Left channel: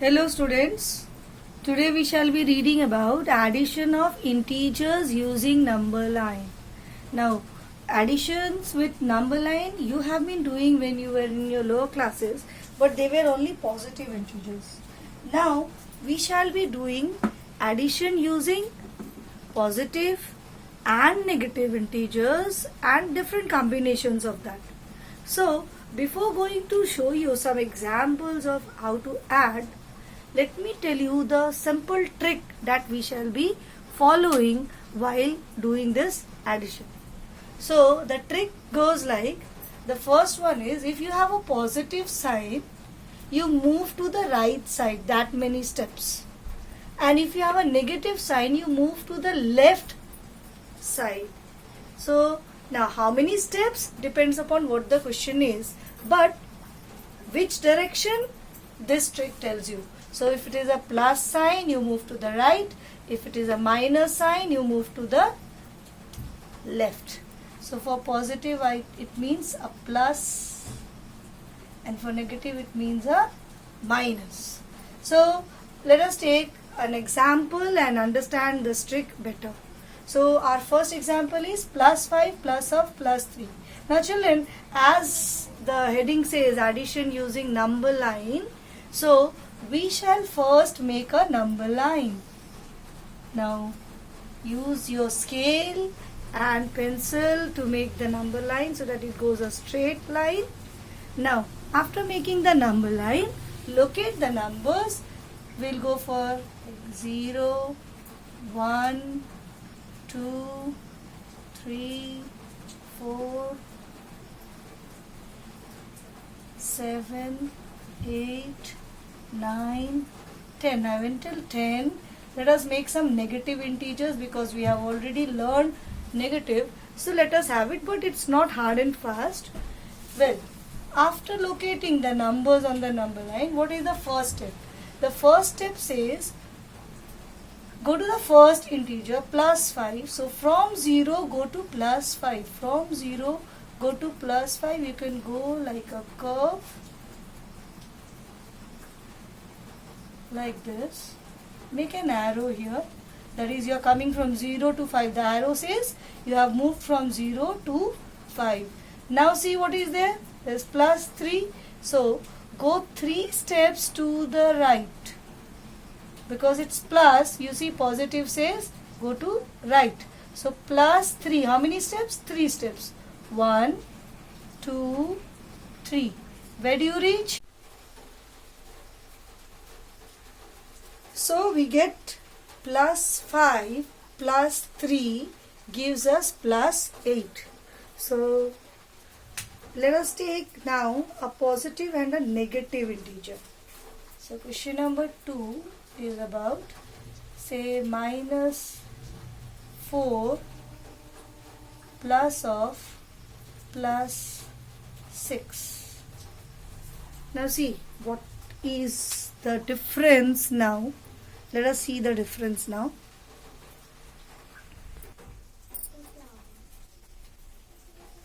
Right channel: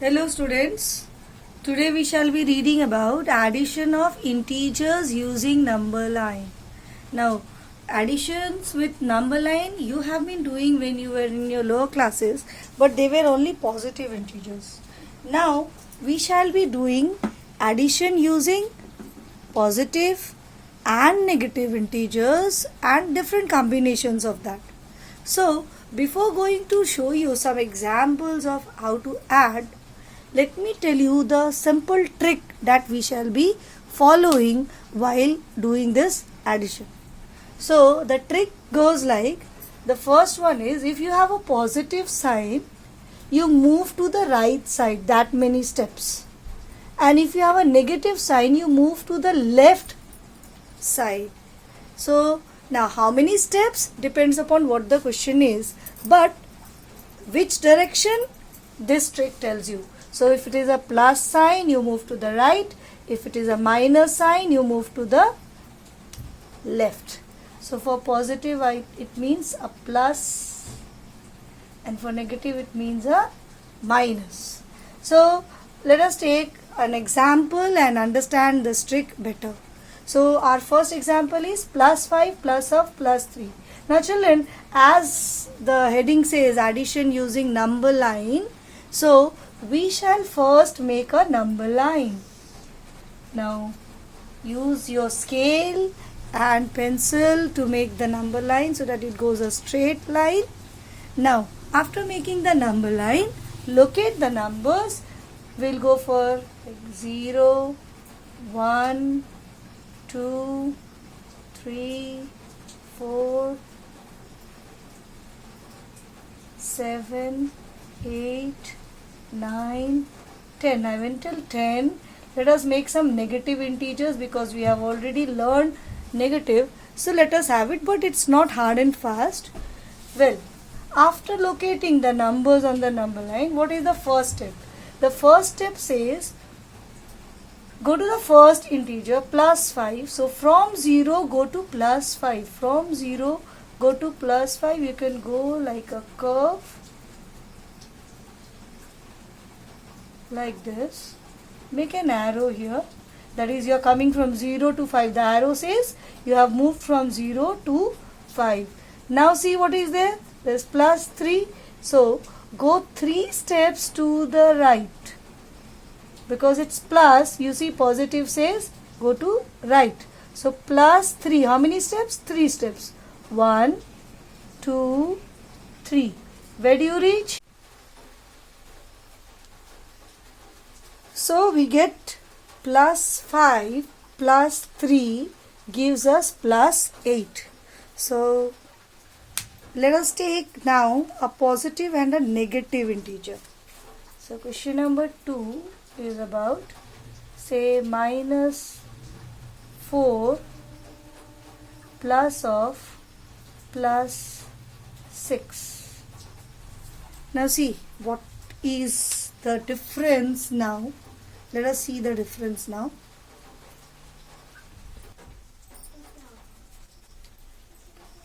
Hello students, today we shall be reading about addition of integers using number line. Now additions with number line you have been doing when you were in your lower classes, but they were only positive integers. Now we shall be doing addition using positive and negative integers and different combinations of that. So before going to show you some examples of how to add, let me tell you the simple trick that we shall be following while doing this addition. So the trick goes like, the first one is, if you have a positive sign, you move to the right side that many steps. And if you have a negative sign, you move to the left side. So now how many steps depends upon what the question is, but which direction this trick tells you. So if it is a plus sign, you move to the right. If it is a minus sign, you move to the left. So for positive, it means a plus, and for negative, it means a minus. So let us take an example and understand this trick better. So our first example is plus 5 plus of plus 3. Now children, as the heading says, addition using number line, so we shall first make a number line. Now use your scale and pencil to make the number line so that it goes a straight line. Now after making the number line, locate the numbers. We'll go for 0, 1, 2, 3, 4, 7, 8, 9, 10. I went till 10. Let us make some negative integers because we have already learned negative. So let us have it, but it's not hard and fast. Well, after locating the numbers on the number line, what is the first step? The first step says, go to the first integer plus 5. So from 0 go to plus 5. From 0 go to plus 5. You can go like a curve like this. Make an arrow here. That is, you are coming from 0 to 5. The arrow says you have moved from 0 to 5. Now see what is there. There is plus 3. So go 3 steps to the right. Because it's plus, you see positive says go to right. So plus 3. How many steps? 3 steps. 1, 2, 3. Where do you reach? So we get plus 5 plus 3 gives us plus 8. So let us take now a positive and a negative integer. So question number 2 is about, say, minus 4 plus of plus 6. Now see what is the difference now. Let us see the difference now.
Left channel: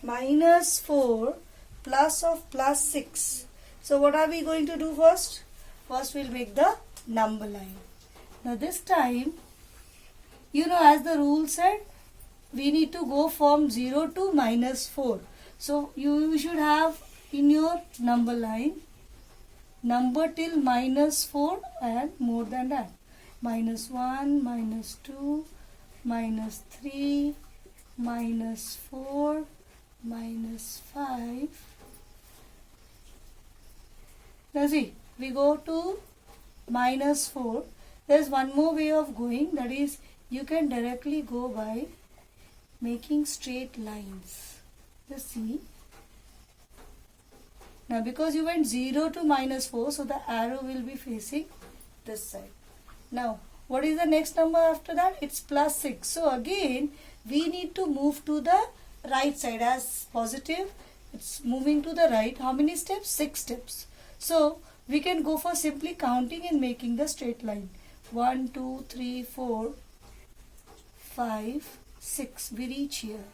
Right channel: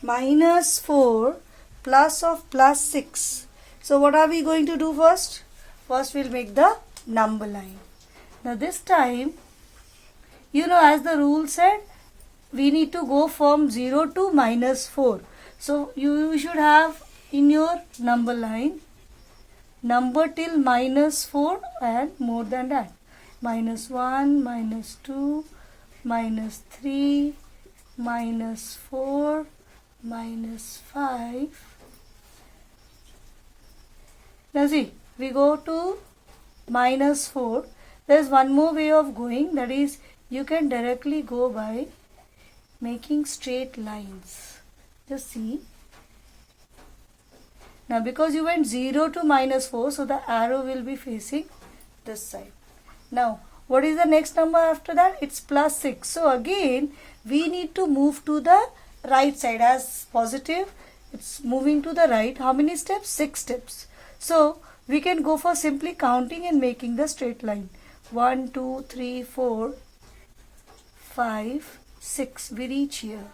Minus 4 plus of plus 6. So what are we going to do first? First we'll make the number line. Now this time, as the rule said, we need to go from 0 to minus 4. So you should have in your number line number till minus 4 and more than that. Minus 1, minus 2, minus 3, minus 4, minus 5. Now see, we go to minus 4. There is one more way of going, that is, you can directly go by making straight lines. Just see. Now because you went 0 to minus 4, so the arrow will be facing this side. Now what is the next number after that? It's plus 6. So again we need to move to the right side. As positive, it's moving to the right. How many steps? 6 steps. So we can go for simply counting and making the straight line. 1, 2, 3, 4, 5, 6. We reach here.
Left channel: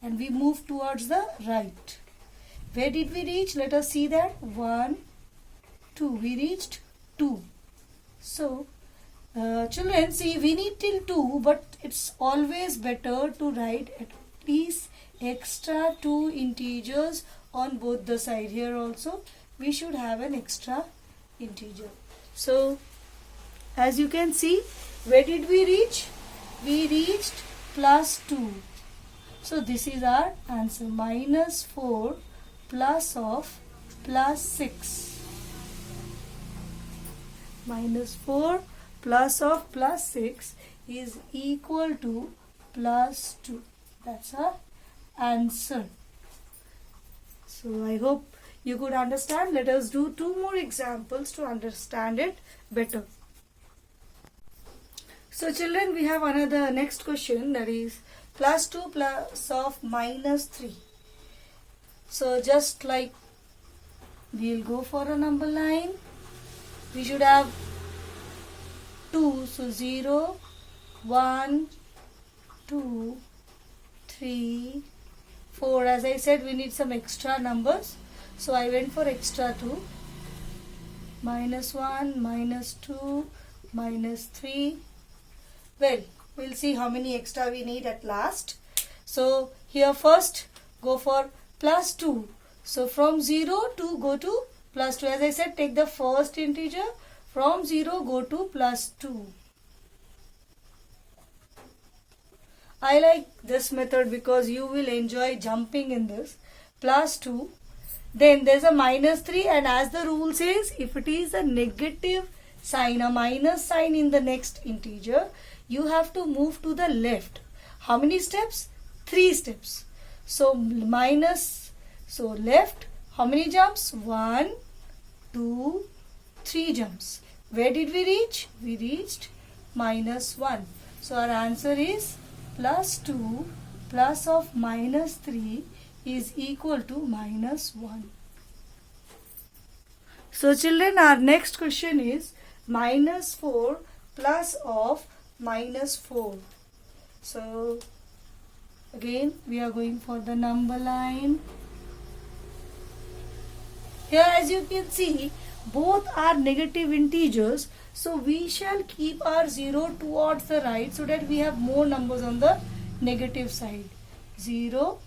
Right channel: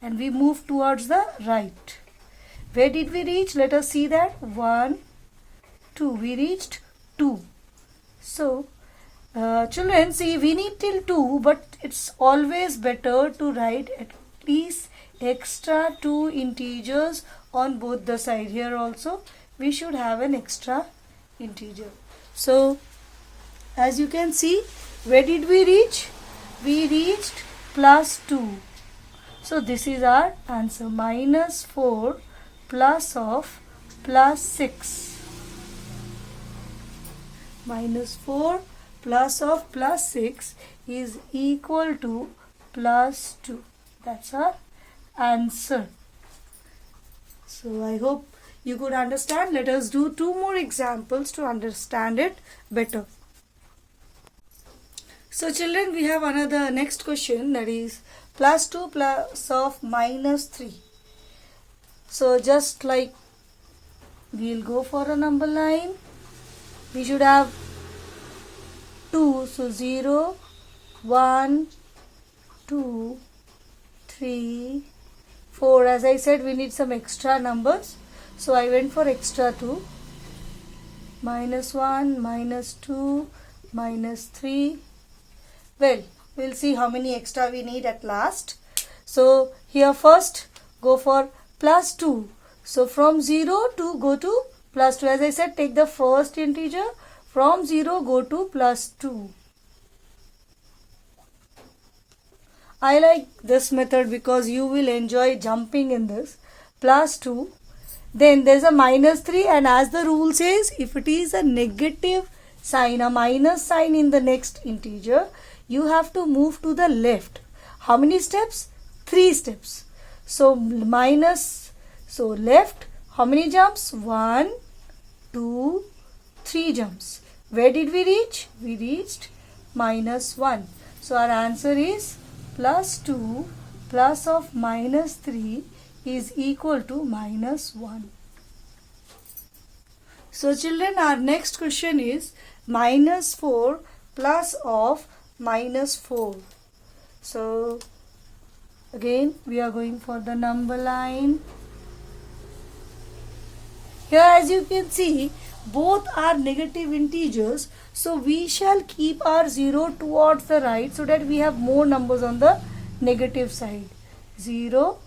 And we move towards the right. Where did we reach? Let us see that. 1, 2. We reached 2. So, children, see, we need till 2, but it's always better to write at least extra 2 integers on both the side. Here also, we should have an extra integer. So, as you can see, where did we reach? We reached plus 2. So, this is our answer. Minus 4 plus of plus 6. Minus 4 plus of plus 6 is equal to plus 2. That's our answer. So, I hope you could understand. Let us do 2 more examples to understand it better. So, children, we have another next question, that is plus 2 plus of minus 3. So, just like we'll go for a number line, we should have 2. So, 0, 1, 2, 3, 4. As I said, we need some extra numbers. So, I went for extra 2. Minus 1, minus 2, minus 3. Well, we'll see how many extra we need at last. So, here first go for plus 2. So, from 0 to go to plus 2. As I said, take the first integer. From 0 go to plus 2. I like this method because you will enjoy jumping in this. Plus 2. Then there is a minus 3, and as the rule says, if it is a negative sign, a minus sign in the next integer, you have to move to the left. How many steps? 3 steps. So, left, how many jumps? 1, 2, 3 jumps. Where did we reach? We reached minus 1. So, our answer is plus 2 plus of minus 3 is equal to minus 1. So, children, our next question is minus 4 plus of minus 4. So, again, we are going for the number line. Here, as you can see, both are negative integers. So, we shall keep our 0 towards the right so that we have more numbers on the negative side. 0,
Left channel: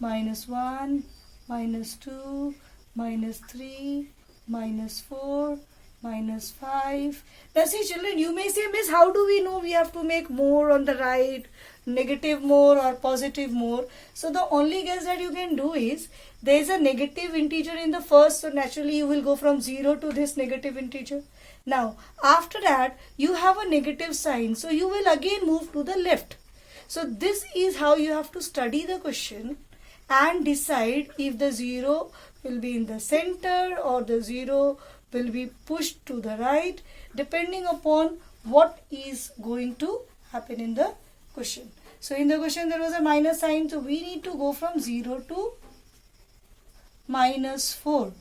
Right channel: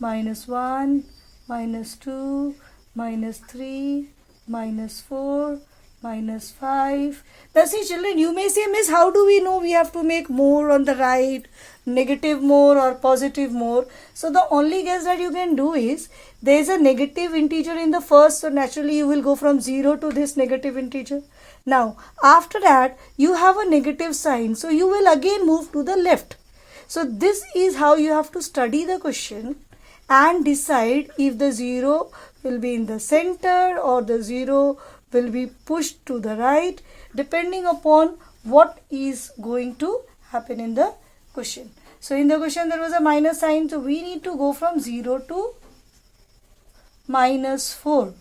minus 1, minus 2, minus 3, minus 4, minus 5. Now see, children, you may say, Miss, how do we know we have to make more on the right, negative more or positive more? So the only guess that you can do is, there is a negative integer in the first, so naturally you will go from 0 to this negative integer. Now, after that, you have a negative sign, so you will again move to the left. So this is how you have to study the question and decide if the 0 will be in the center or the 0 will be pushed to the right, depending upon what is going to happen in the question. So in the question there was a minus sign, so we need to go from 0 to minus 4.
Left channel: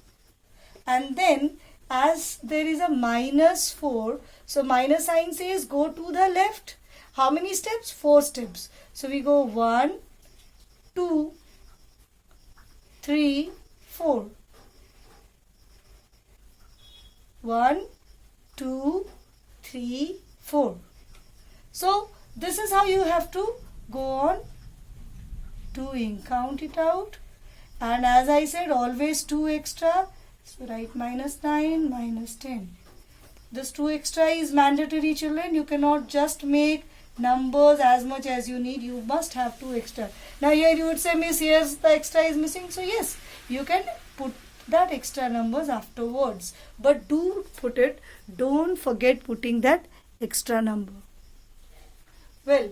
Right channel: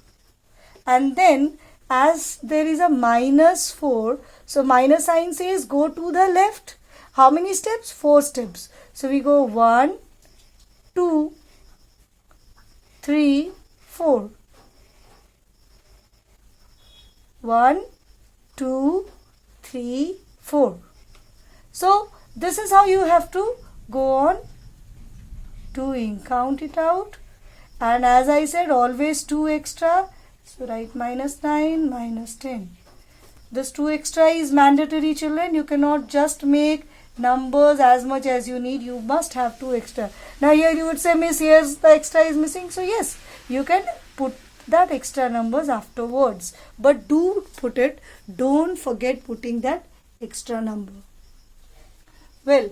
And then as there is a minus 4, so minus sign says go to the left. How many steps? 4 steps. So we go 1, 2, 3, 4. 1, 2, 3, 4. So this is how you have to go on doing. Count it out. And as I said, always 2 extra. So write minus 9, minus 10. This 2 extra is mandatory, children. You cannot just make numbers as much as you need. You must have 2 extra. Now here you would say, Miss, here's the extra is missing. So yes, you can put that extra numbers afterwards. But do put it. Don't forget putting that extra number. Well,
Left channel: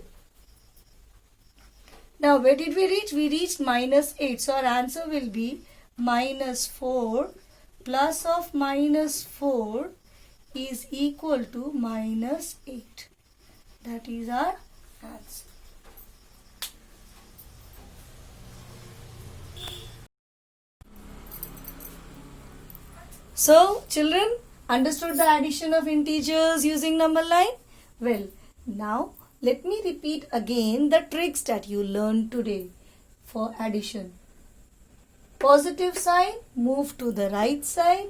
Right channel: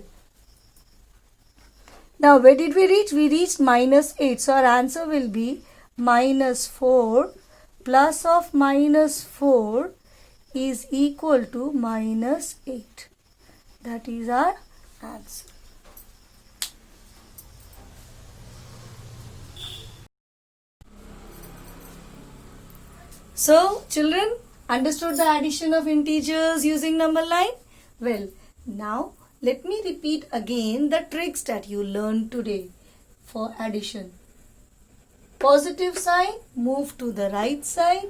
now where did we reach? We reached minus 8. So our answer will be minus 4 plus of minus 4 is equal to minus 8. That is our answer. So, children, understood the addition of integers using number line? Well, now let me repeat again the tricks that you learned today for addition. Positive sign, move to the right side.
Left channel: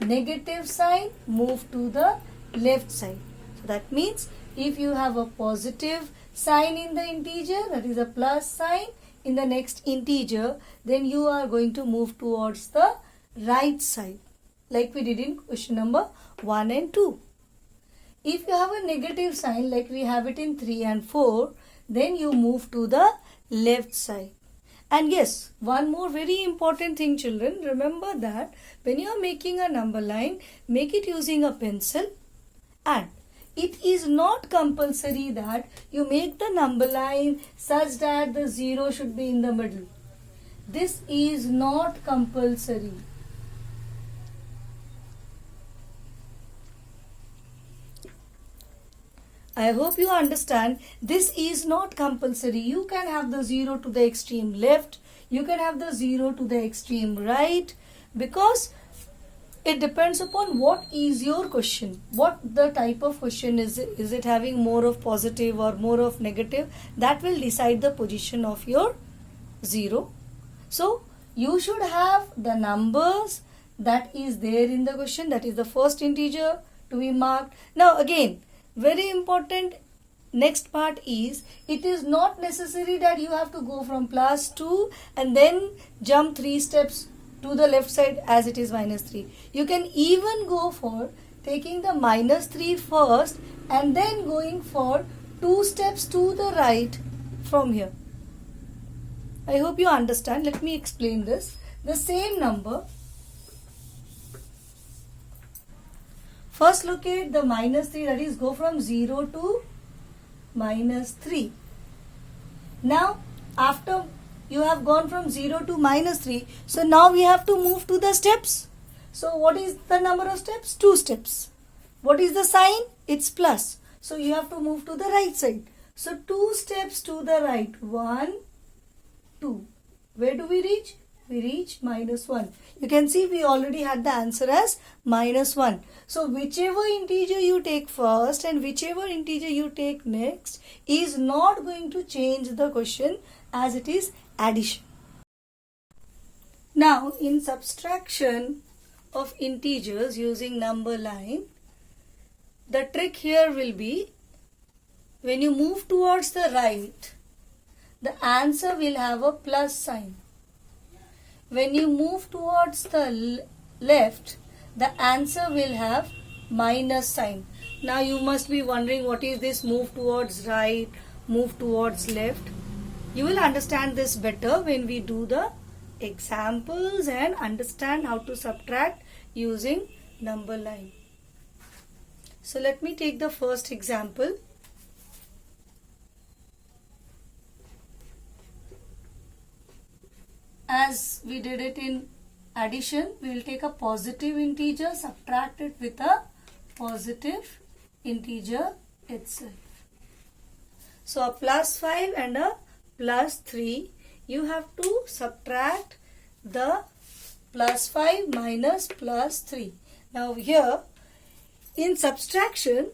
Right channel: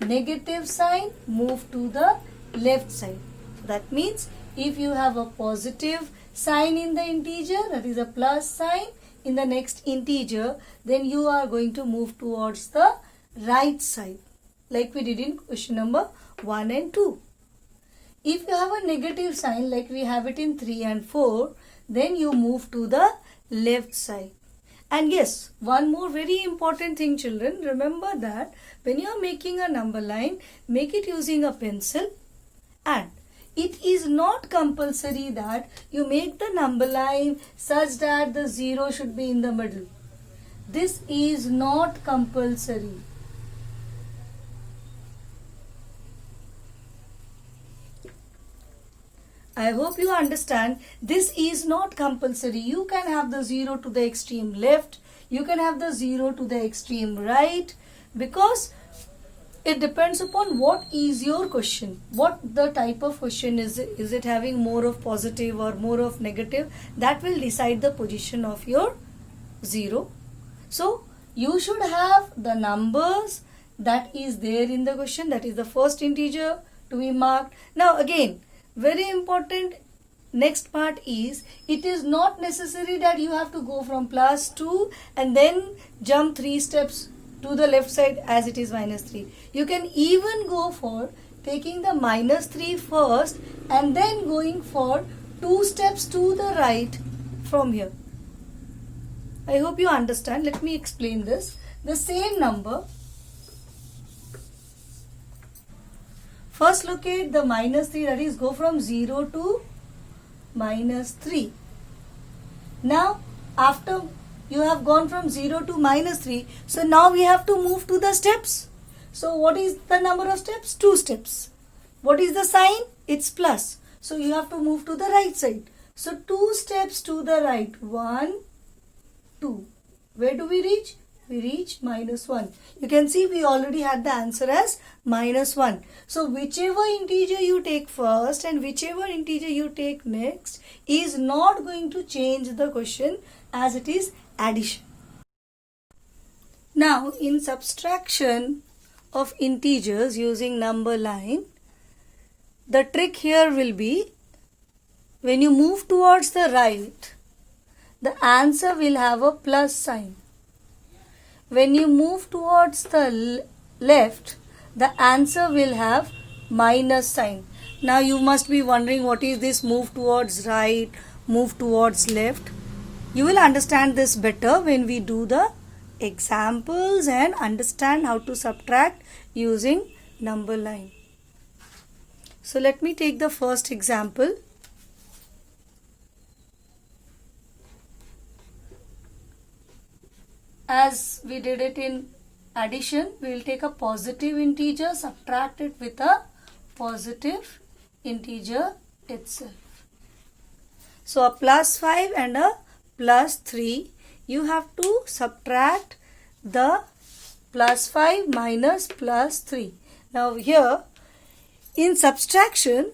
Negative sign, move to the left side. So that means if you have a positive sign in the integer, that is a plus sign in the next integer, then you are going to move towards the right side, like we did in question number 1 and 2. If you have a negative sign like we have it in 3 and 4, then you move to the left side. And yes, one more very important thing, children, remember that when you are making a number line, make it using a pencil, and it is not compulsory that you make the number line such that the 0 should be in the middle. This is not compulsory. I hope you understand. This is not compulsory. You can have the 0 to the extreme left. You can have the 0 to the extreme right, because it depends upon what is your question. What the type of question is it? Is it having more of positive or more of negative? That will decide the position of your 0. So you should have the numbers that is there in the question. That is the first integer to be marked. Now again, very important next part is, it is not necessary that you have to go from plus 2 and then jump 3 steps to the left side as it is minus 3. You can even go for taking the minus 3 first and then going for 2 steps to the right from here. I hope you understand. Let me explain this. The same number, first locate the minus 3, that is go from 0 to minus 3. Now after you have gone from 0 to minus 3, so now we have to move to the steps. So what is the number of steps? 2 steps. What is the sign? It's plus. So you have to move to the right side. So 2 steps to the right. 1, 2. Where do we reach? We reach minus 1. You can see we already had the answer as minus 1. So whichever integer you take first and whichever integer you take next is not going to change the question, as it is addition. Now in subtraction of integers using number line, the trick here will be, when you move towards the right, the answer will have a plus sign. When you move towards the left, the answer will have minus sign. Now you must be wondering, what is this move towards right, move towards left? You will understand this better when we do the examples and understand how to subtract using number line. So let me take the first example. As we did it in addition, we will take a positive integer, subtract it with a positive integer itself. So a plus 5 and a plus 3, you have to subtract the plus 5 minus plus 3. Now here in subtraction,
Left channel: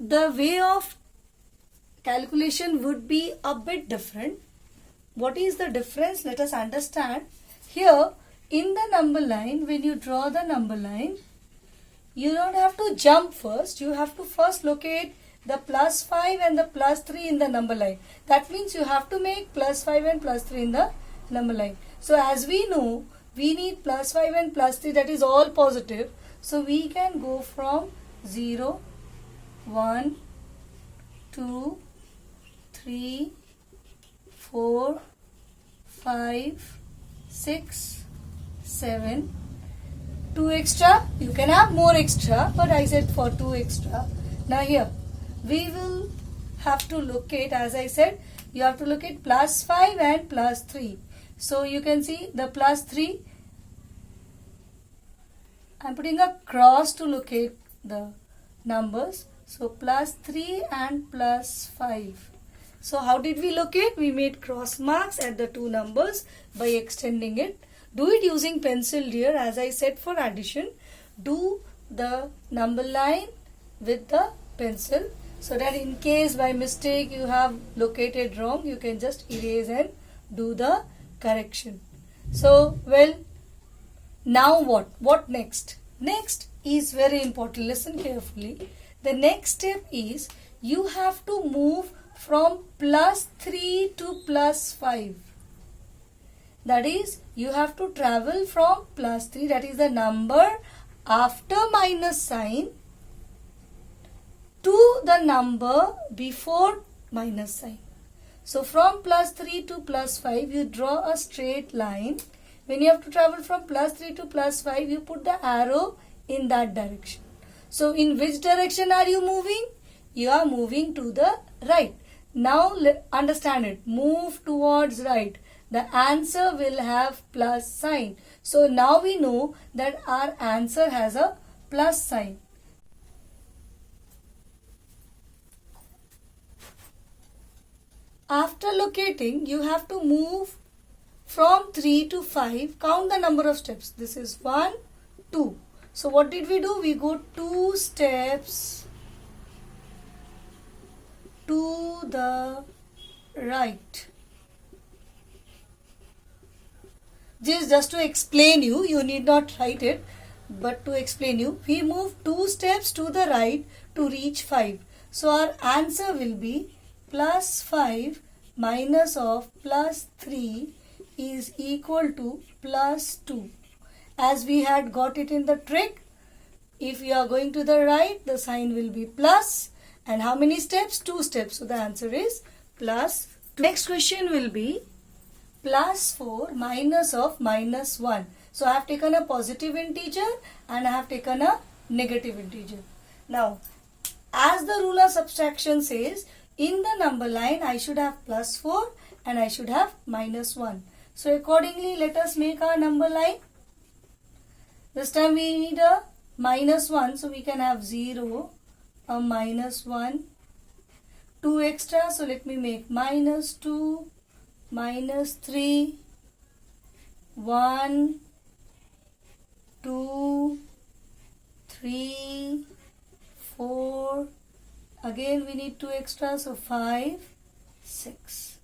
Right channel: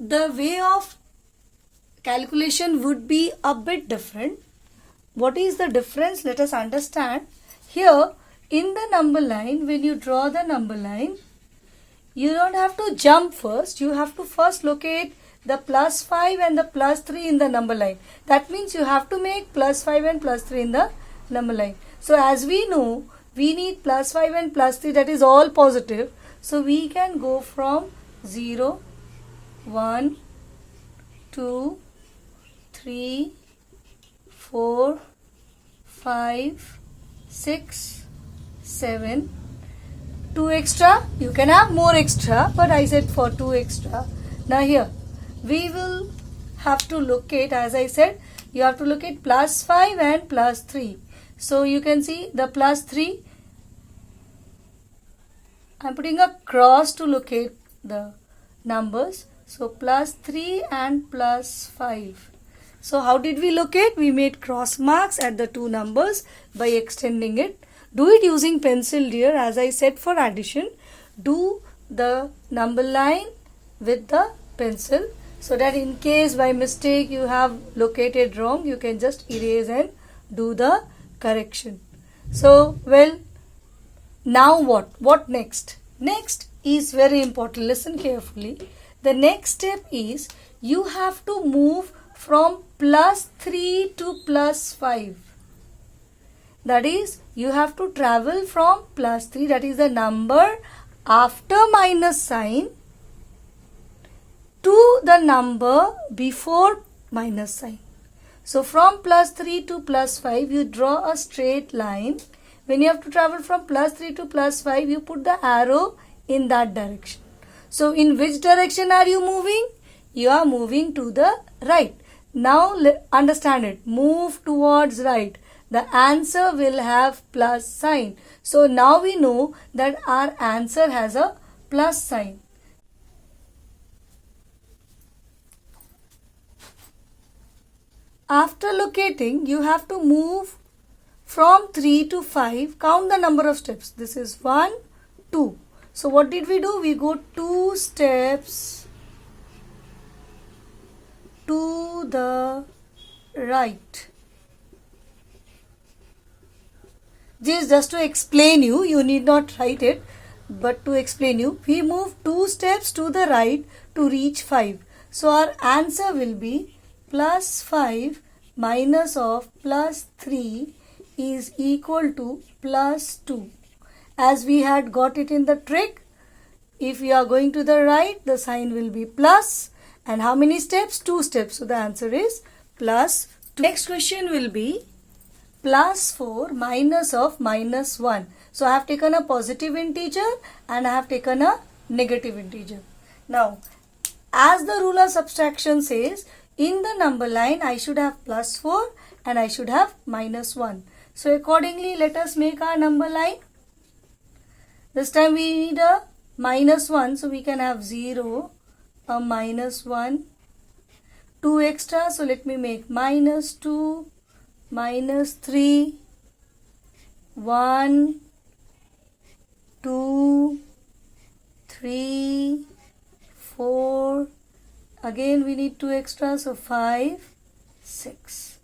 the way of calculation would be a bit different. What is the difference? Let us understand. Here in the number line, when you draw the number line, you don't have to jump first. You have to first locate the plus 5 and the plus 3 in the number line. That means you have to make plus 5 and plus 3 in the number line. So as we know, we need plus 5 and plus 3, that is all positive. So we can go from 0, 1, 2, 3, 4, 5, 6, 7, 2 extra. You can have more extra, but I said for 2 extra. Now here we will have to locate, as I said, you have to locate plus 5 and plus 3. So you can see the plus 3. I am putting a cross to locate the numbers. So plus 3 and plus 5. So how did we locate? We made cross marks at the two numbers by extending it. Do it using pencil, dear. As I said for addition, do the number line with the pencil, so that in case by mistake you have located wrong, you can just erase and do the correction. So, well, now what? What next? Next is very important. Listen carefully. The next step is you have to move from +3 to +5. That is, you have to travel from +3, that is the number after minus sign, to the number before minus sign. So from +3 to +5, you draw a straight line. When you have to travel from +3 to +5, you put the arrow in that direction. So in which direction are you moving? You are moving to the right. Now understand it. Move towards right. The answer will have plus sign. So now we know that our answer has a plus sign. After locating, you have to move from 3 to 5. Count the number of steps. This is 1, 2. So what did we do? We go 2 steps to the right. This is just to explain you need not write it, but to explain you, we move 2 steps to the right to reach 5. So our answer will be +5 minus of +3 is equal to +2. As we had got it in the trick, if you are going to the right, the sign will be plus. And how many steps? 2 steps. So the answer is +2. Next question will be +4 minus of -1. So I have taken a positive integer and I have taken a negative integer. Now, as the rule of subtraction says, in the number line I should have +4 and I should have -1. So accordingly, let us make our number line. This time we need a -1, so we can have 0, a -1, 2 extra. So let me make -2, -3, 1, 2, 3, 4. Again we need 2 extra, so 5, 6.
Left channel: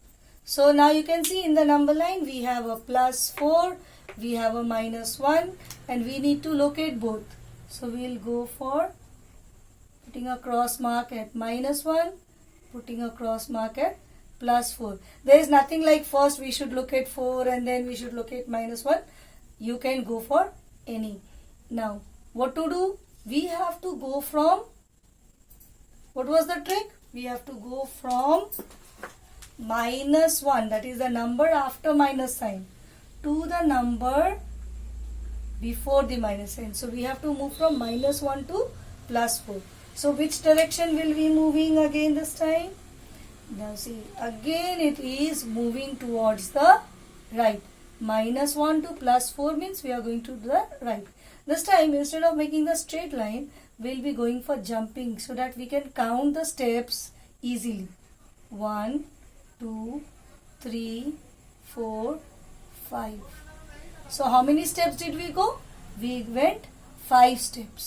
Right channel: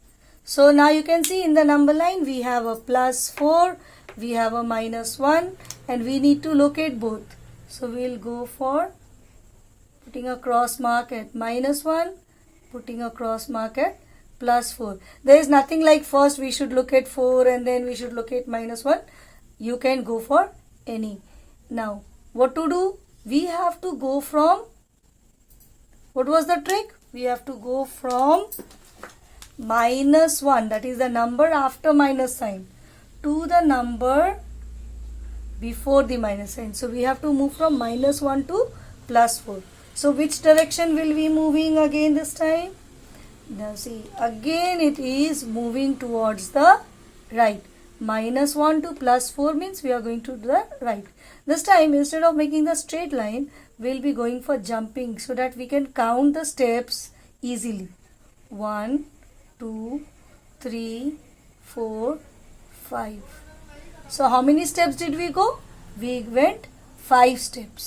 So now you can see in the number line we have a +4, we have a -1, and we need to locate both. So we will go for putting a cross mark at -1, putting a cross mark at +4. There is nothing like first we should look at 4 and then we should look at -1. You can go for any. Now, what to do? We have to go from, what was the trick? We have to go from -1, that is the number after minus sign, to the number before the minus sign. So we have to move from -1 to +4. So which direction will we moving again this time? Now see, again it is moving towards the right. -1 to +4 means we are going to the right. This time, instead of making the straight line, we'll be going for jumping so that we can count the steps easily. 1, 2, 3, 4, 5. So how many steps did we go? We went 5 steps.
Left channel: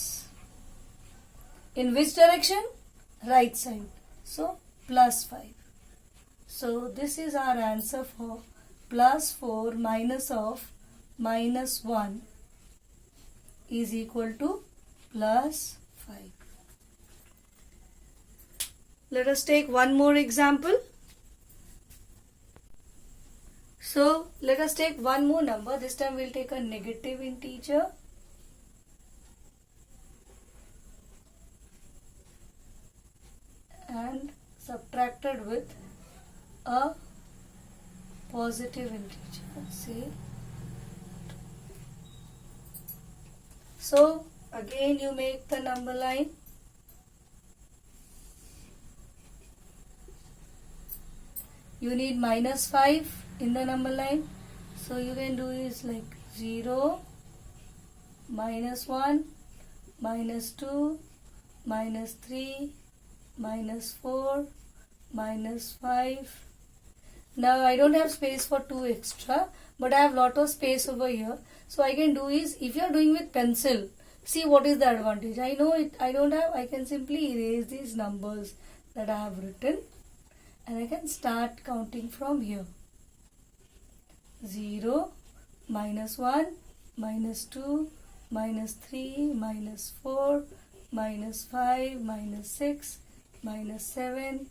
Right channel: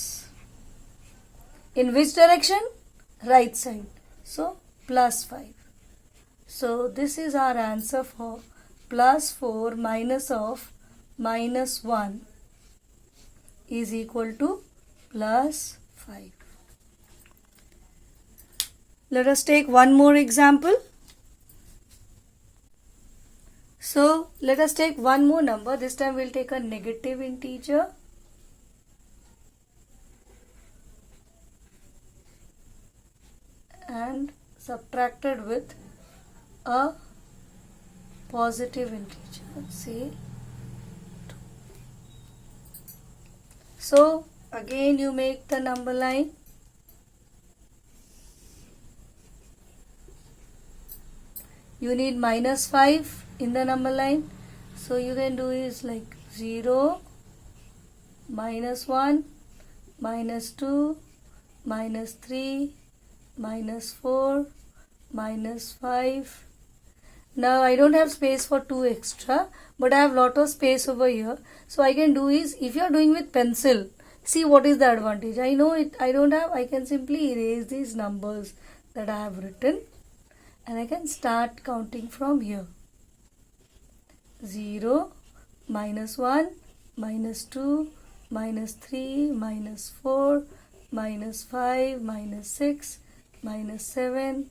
In which direction? Right side. So +5. So this is our answer for +4 minus of -1 is equal to +5. Let us take one more example. So let us take one more number. This time we'll take a negative integer. And subtracted with a positive integer. See. So again you make the number line. You need -5 in the number line. So you can do is like 0, -1, -2, -3, -4, -5. Now I don't have space for 2 extra, but I have lot of space over here. So I can do is, if you are doing with pencil, see what is the advantage. I know it, I don't have, I can simply erase these numbers that I have written and I can start counting from here. 0, minus 1, minus 2, minus 3, minus 4, minus 5, minus 6, minus 7.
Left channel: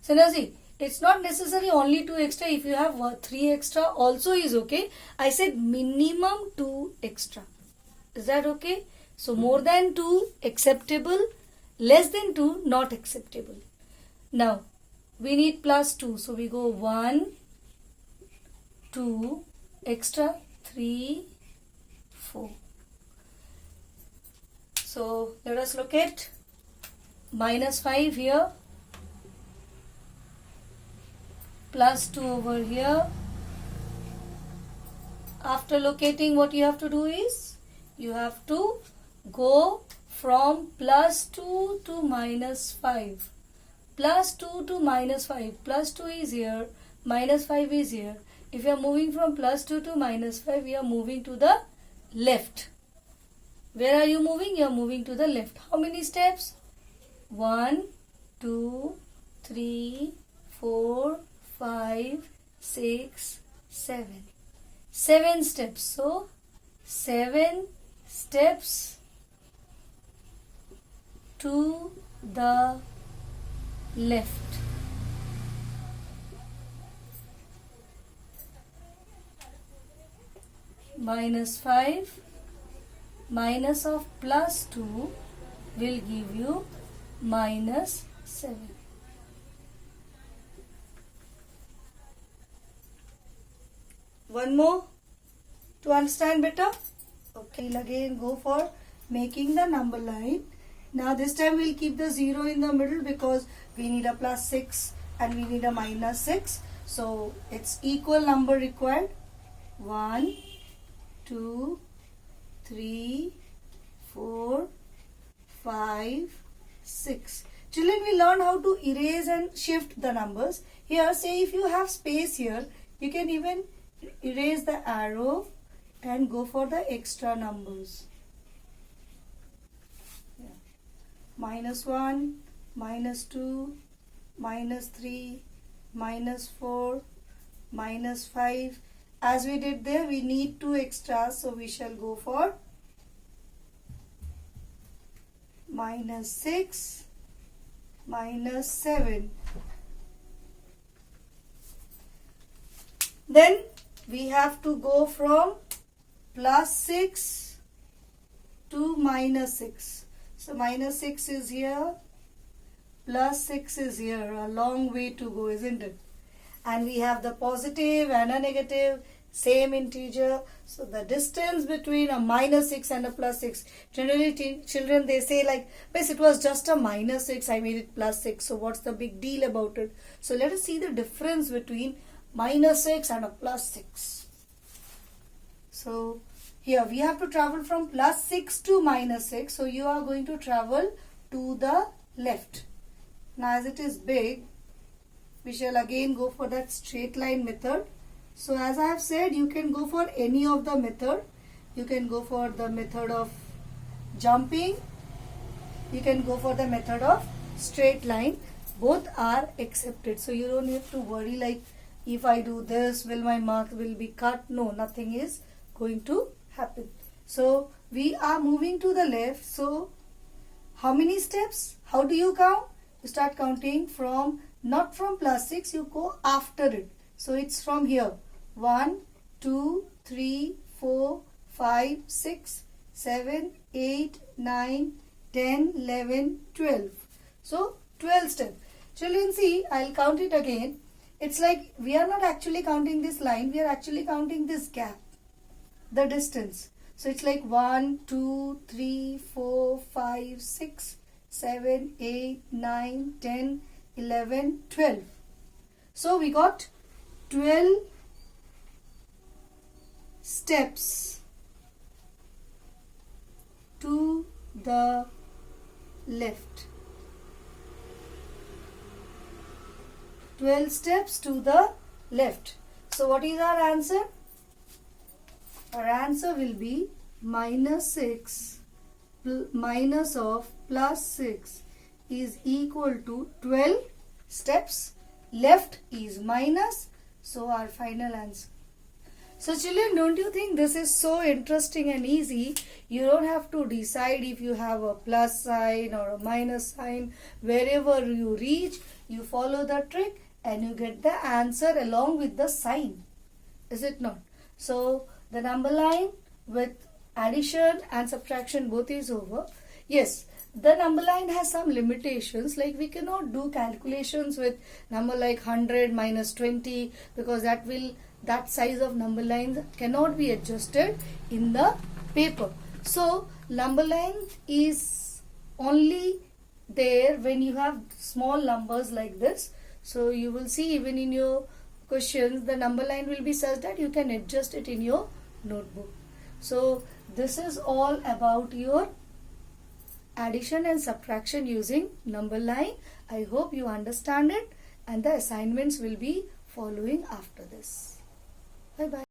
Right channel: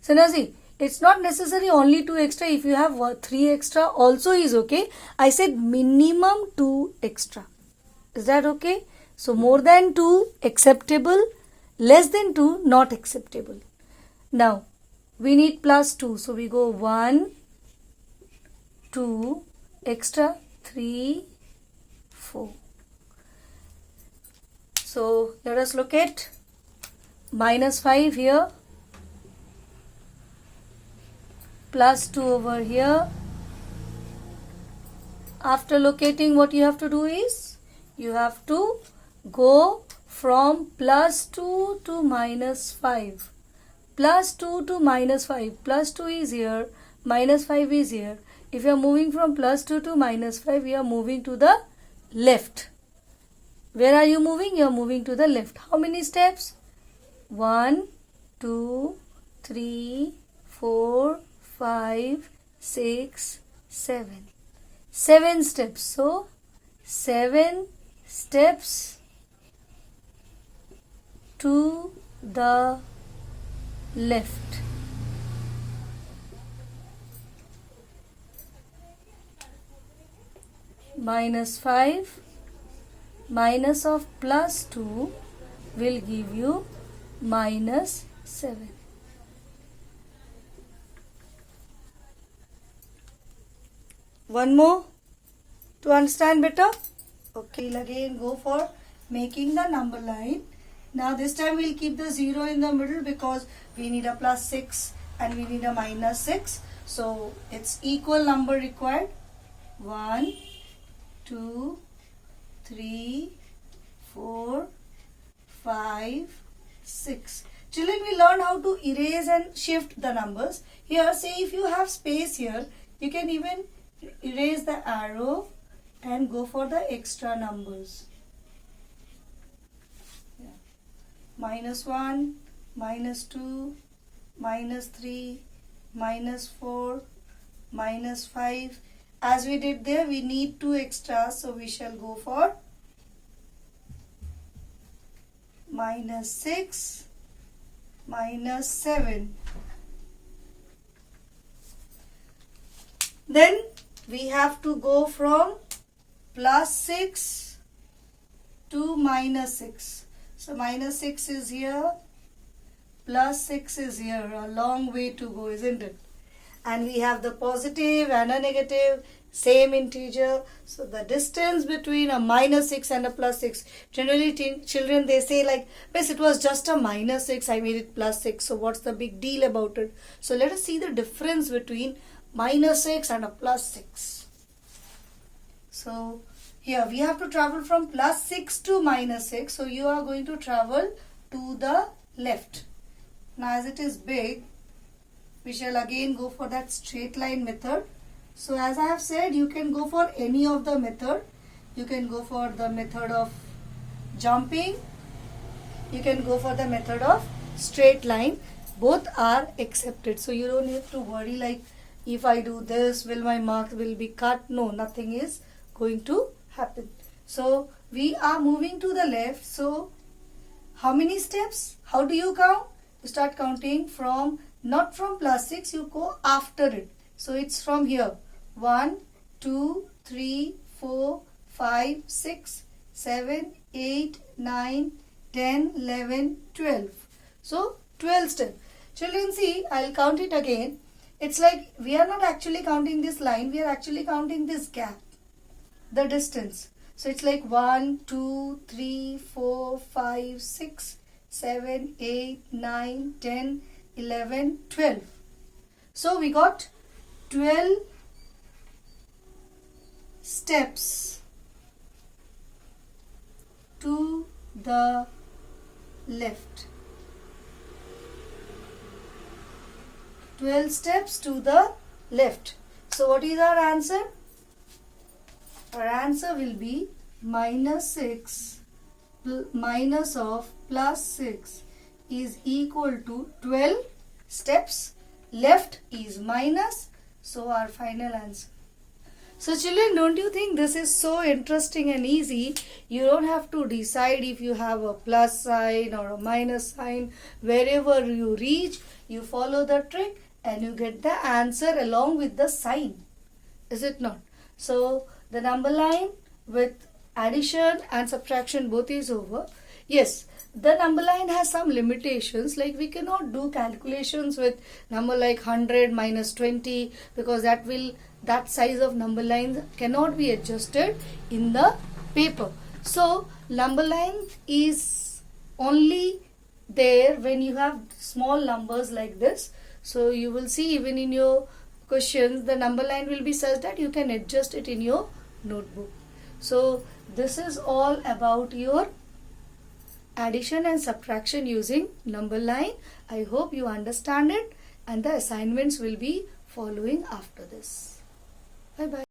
So now see, it's not necessary only 2 extra. If you have 3 extra also is okay. I said minimum 2 extra. Is that okay? So more than 2 acceptable, less than 2 not acceptable. Now we need plus 2. So we go 1, 2, extra 3, 4. So let us look at minus 5 here, plus 2 over here. After locating, what you have to do is you have to go from plus 2 to minus 5. Plus 2 to minus 5. Plus 2 is here, minus 5 is here. If you are moving from plus 2 to minus 5, you are moving to the left. Where are you moving? You are moving to the left. How many steps? 1, 2, 3, 4, 5, 6, 7. 7 steps. So 7 steps to the left. Minus 5 minus of plus 2 will give you minus 7. One more to understand better. Okay, we'll again go for making the number line. Now this time we'll keep the 0 in the middle because we need a plus 6 and we need a minus 6. So it's equal number required. 1, 2, 3, 4, 5, 6. Children, we learn how to erase and shift the numbers. Here, say if you have space here, you can even erase the arrow and go for the extra numbers. Yeah. Minus 1, minus 2, minus 3, minus 4, minus 5. As we did there, we need 2 extras, so we shall go for minus 6, minus 7. Then we have to go from plus 6 to minus 6. So minus 6 is here, plus 6 is here. A long way to go, isn't it? And we have the positive and a negative, same integer. So the distance between a minus 6 and a plus 6. Generally children, they say like, Miss, it was just a minus 6, I made it plus 6. So what's the big deal about it? So let us see the difference between minus 6 and a plus 6. So here we have to travel from plus 6 to minus 6. So you are going to travel to the left. Now as it is big, we shall again go for that straight line method. So as I have said, you can go for any of the method. You can go for the method of jumping. You can go for the method of straight line. Both are accepted. So you don't have to worry like, if I do this, will my marks will be cut? No, nothing is going to happen. So we are moving to the left. So how many steps? How do you count? You start counting from, not from plus 6, you go after it. So it's from here. 1, 2, 3, 4, 5, 6, 7, 8, 9, 10, 11, 12. So 12 steps. Children, see, I'll count it again. It's like we are not actually counting this line. We are actually counting this gap, the distance. So it's like 1, 2, 3, 4, 5, 6, 7, 8, 9, 10, 11, 12. So we got 12 steps to the left. 12 steps to the left. So what is our answer? Our answer will be minus 6 minus of plus 6 is equal to 12 steps. Left is minus. So our final answer So children, don't you think this is so interesting and easy? You don't have to decide if you have a plus sign or a minus sign. Wherever you reach, you follow the trick and you get the answer along with the sign. Is it not? So the number line with addition and subtraction both is over. Yes, the number line has some limitations, like we cannot do calculations with number like 100 minus 20 because that size of number lines cannot be adjusted in the paper. So number line is only there when you have small numbers like this. So you will see even in your questions the number line will be such that you can adjust it in your notebook. So this is all about your addition and subtraction using number line. I hope you understand it, and the assignments will be following after this. Bye bye.